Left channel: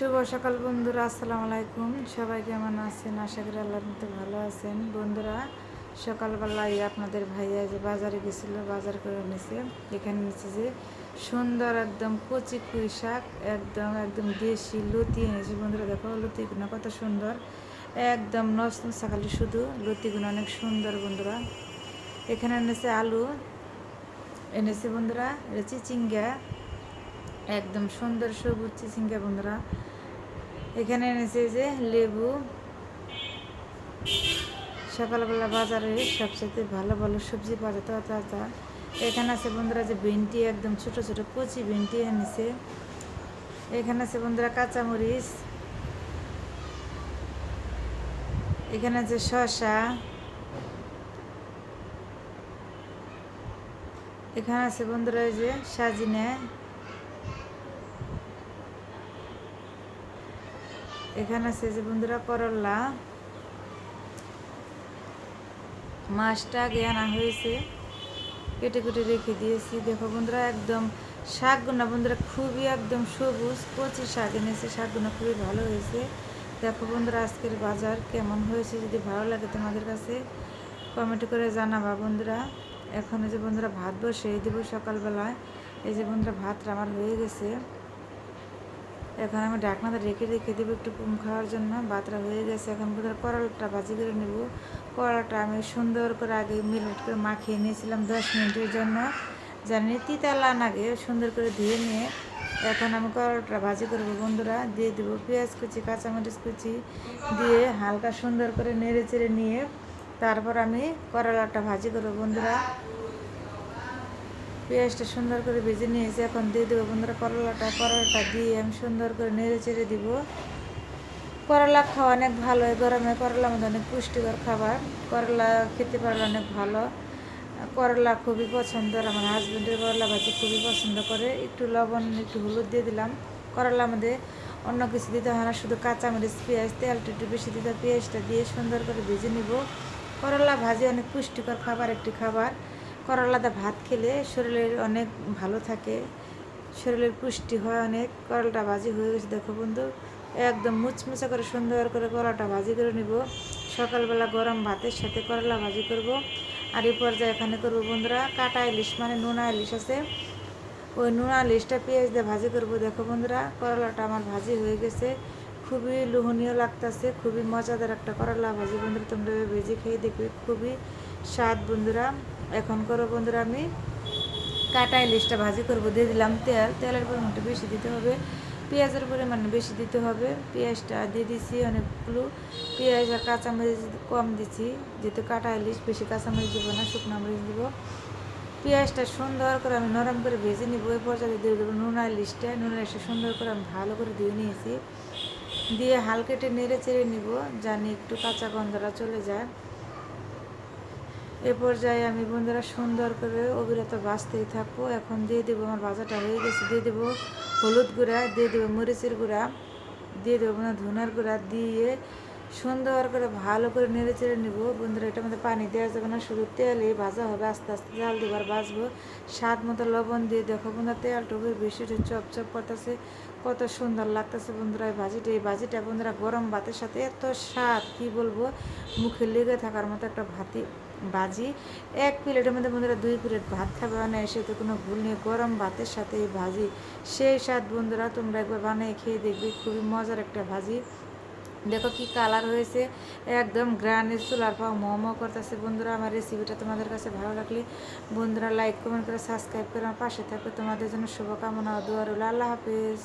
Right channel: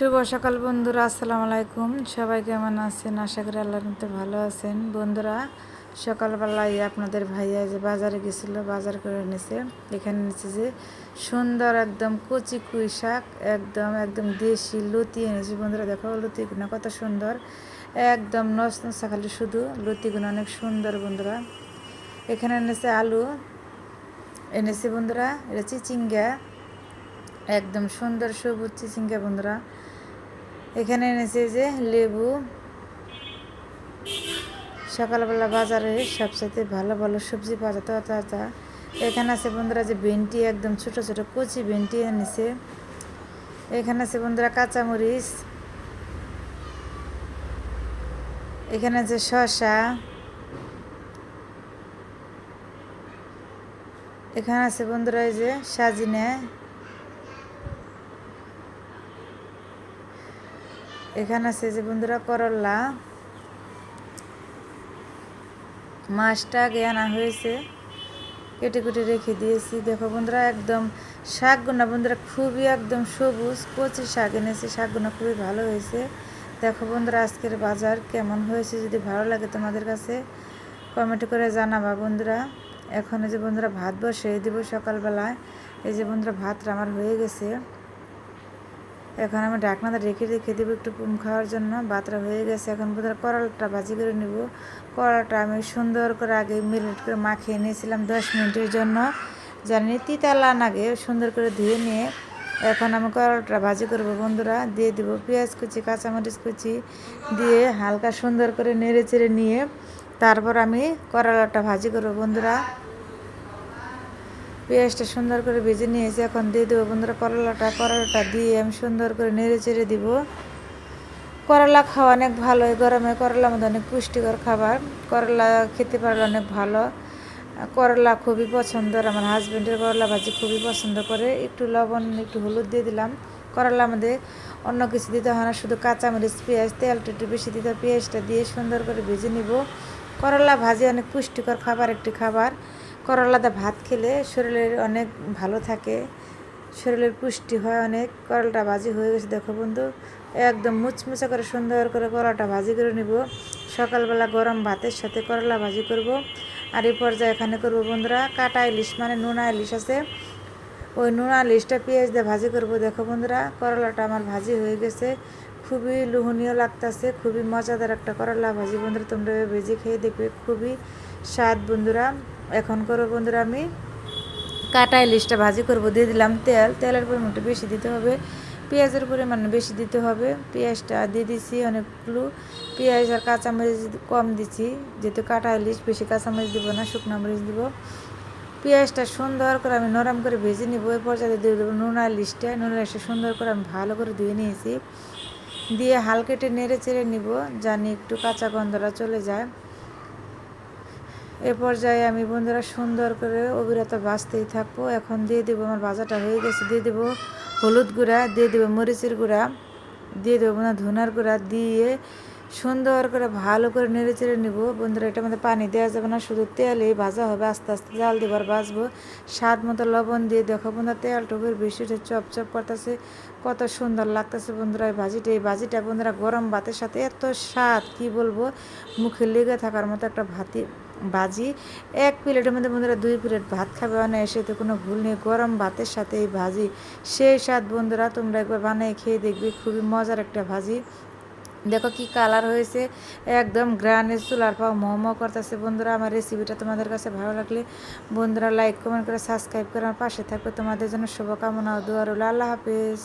শুভ সকাল বন্ধুরা, আসসালামু আলাইকুম। সবাই কেমন আছেন? আশা করি আল্লাহর মতো ভালো আছেন। বন্ধুরা, সকালবেলায় আপনাদের ভাইয়া যে বাজারে গেছিল, বাজার করে এনেছে। এখানে এনেছে যে সুন্দর একদম কচি পুঁই শাক, একদম একদম দেশি লতি এনেছে। বন্ধুরা দেখো, লতিগুলো কত সুন্দর, একদম নচনচা, খালি শুধু লতিগুলো অনেক সুন্দর। বন্ধুরা, এখানে এনেছে আলু, এনেছে বন্ধুরা এটা চিচিঙ্গা, একদম সুন্দর সবুজ চিচিঙ্গা। বন্ধুরা, এখানে এনেছে যে লেবু। সকালবেলা বাজারে সবসাথে ভালো ভালো সবজি পাওয়া যায় তাজা তাজা। এখানে আছে বন্ধুরা যে ভেন্ডি, একদম ছোট ছোট কচি ভেন্ডি এনেছে। এখানে আছে বন্ধুরা কাঁচামরিচ, এখানে আছে শসা, এখানে আছে বন্ধুরা এই যে সাজিনে, এখানে আছে যে বন্ধুরা করলা। মাছটা আগে আনা হয়েছে, কেটে কেটে রেখে দিয়েছি। দেখো বন্ধুরা, একদম শাকগুলো বন্ধুরা খুবই একদম সবুজ কচি শাক এনেছে। শাকগুলো খুবই ভালো হয়েছে। দেখো বন্ধুরা, আজকের বাজার কেমন হয়েছে, যদি ভালো লাগে তোমাদের কাছে কমেন্ট করে জানাবা বন্ধুরা। এখন এই যে বন্ধুরা ভাত বসিয়ে দেব সকালবেলায়। এই যে বন্ধুরা ভাতটা আমার হয়ে গেছে। এখন আমি ঢাকনাটা রেখে রেখে দেবো একটু খাওয়ার জন্য। ভাতটা হয়ে গেছে। এখন বন্ধুরা করলাটা ভাজি করে নেব। করলাটা আমি সুন্দর করে আগে মিনিট করে মাখিয়ে নিয়েছিলাম 10 মিনিটের জন্য, জানি তিতালা আগে সুন্দর করে ধুয়ে নিয়ে এখন আমি করলাটা ভাজি করবো। বন্ধুরা, দিয়ে দেবো পেঁয়াজ কুচি, কাঁচামরিচ কুচি দিয়ে হালকা সুন্দর করে নেড়ে চেড়ে নিয়ে তারপর আমি করলাটা ভাজি করবো। বন্ধুরা, পেঁয়াজটা সুন্দর করে ভেজে নিয়েছি। এখন দিয়ে দেবো বন্ধুরা করলাটা দিয়ে আমি সুন্দর করে নেড়ে চেড়ে দিব। করলা খাওয়া অনেক ভালো, গরমে করলার মধ্যে অনেক পুষ্টিকর খাবার। করলা খেতে পারলে অনেক ভালো। করলা খুবই পছন্দের, আমার হাজব্যান্ডের করলা ভাজি খুবই পছন্দ করে। একটু লবণ একটু হলুদ দিয়ে দিলাম। করলার মধ্যে অন্য কিছু দিতে হয় না, শুধু কাঁচামরিচ পেঁয়াজ, তেলটা একটু বেশি দিতে, পেঁয়াজটা দিয়ে সুন্দর করে ভেজে নিব। করলা ভাজি অনেক পুষ্টিকর খাবার, একটি খাবার। করলাতে ভাত খেলে শরীরের অনেক ভালো থাকে, শরীরের পুষ্টি হয় অনেক। করলাটা ভাজি হয়ে গেছে। দেখো বন্ধু, একদম মুচমুচে করে সুন্দর করে করলাটা ভাজি করে নিব। সকালবেলা গরম ভাতের সাথে করলা ভাজি করব। আর এই পর্যায়ে এখানে করব বন্ধুরা কাটা ইলিশ, মানে নোনা ইলিশ আছে, ওই নোনা ইলিশটা পেঁয়াজ দিয়ে ভাজি করব। দেখো বন্ধুরা, করলাটা আমার ভাজি হয়ে গেছে, খুবই লোভনীয় লাগতেছে, খুবই মজাদার একটা করলা ভাজি। বন্ধুরা, তোমরা ভেজে খেয়ে দেখবে, খুবই স্বাদ। বন্ধুরা, এখন করো বন্ধুরা আমি কাটা ইলিশটা ভাজি করব। দিয়ে দিলাম তেল, তেলের পরিমাণটা বেশি দিতে হবে, পেঁয়াজের পরিমাণ বেশি দিতে হবে। পেঁয়াজটা দিয়ে দিছি অনেকগুলো, পেঁয়াজ আর কাঁচামরিচ কম দিছি, যেহেতু কাটা ইলিশ বেশি কাঁচামরিচ দিব না, শুকনো মরিচ দিব। পেঁয়াজটা সুন্দর করে আমি নরম করে ভেজে নিব। এর পর্যায়ে দিয়ে দেবো নোনা ইলিশটা। নোনা ইলিশটা সুন্দর করে আমি ভালো করে ধুয়ে নিয়েছি, দিয়ে হালকা একটু নেড়ে চেড়ে নিব, জানি একটু কাঁচা গন্ধটা চলে যায়। এ পর্যায়ে আমি বন্ধুরা সুন্দর করে অবিরত ভাজতেই থাকবো। এখন দিয়ে দেবো, আমার ভাজাটা হয়ে গেছে, দিয়ে দেবো হলুদ গুঁড়া, দিয়ে দেবো মরিচের গুঁড়া, দিয়ে দেবো ধনার গুঁড়া, দিয়ে সুন্দর করে ভালো করে নেড়ে চেড়ে নেব। বন্ধুরা, এটার মধ্যে পানি দেওয়া যাবে না, শুধু তেলেই ভাজা হবে। আস্তে আস্তে জাল দেবার ভাজবো। স্বাদ মতো লবণ দিয়ে দেখো বন্ধুরা, তেলটা বেশি চপচপ করতেছে, কত সুন্দর লাগতেছে বন্ধুরা এই ভাজিটা বন্ধুরা গরম ভাতের সাথে এত স্বাদ কি বলবো, মুখে লেগে থাকার মতো একটা ভাজি। এক প্লেটের মধ্যে বন্ধুরা 2 প্লেট ভাত খাবে অনায়াসে, তো কোনো ভুল নেই। গরম ভাতের সাথে এই ভাজি সেই স্বাদ। বন্ধুরা, তোমরা একবার বানিয়ে খেয়ে দেখবে, খুবই মজার একটা ভাজি। দেখো কি কালার হয়েছে, একদম গ্রানের চুলার পাও মোমো করতেছে। বন্ধুরা, আমার রেসিপিটা তোমাদের কাছে ভালো লাগলে বন্ধুরা লাইক কমেন্ট করে সাবস্ক্রাইব করে আমার পাশে থাকো। তোমাদের জন্য শুভকামনা ও দোয়া রইল। আল্লাহ হাফেজ।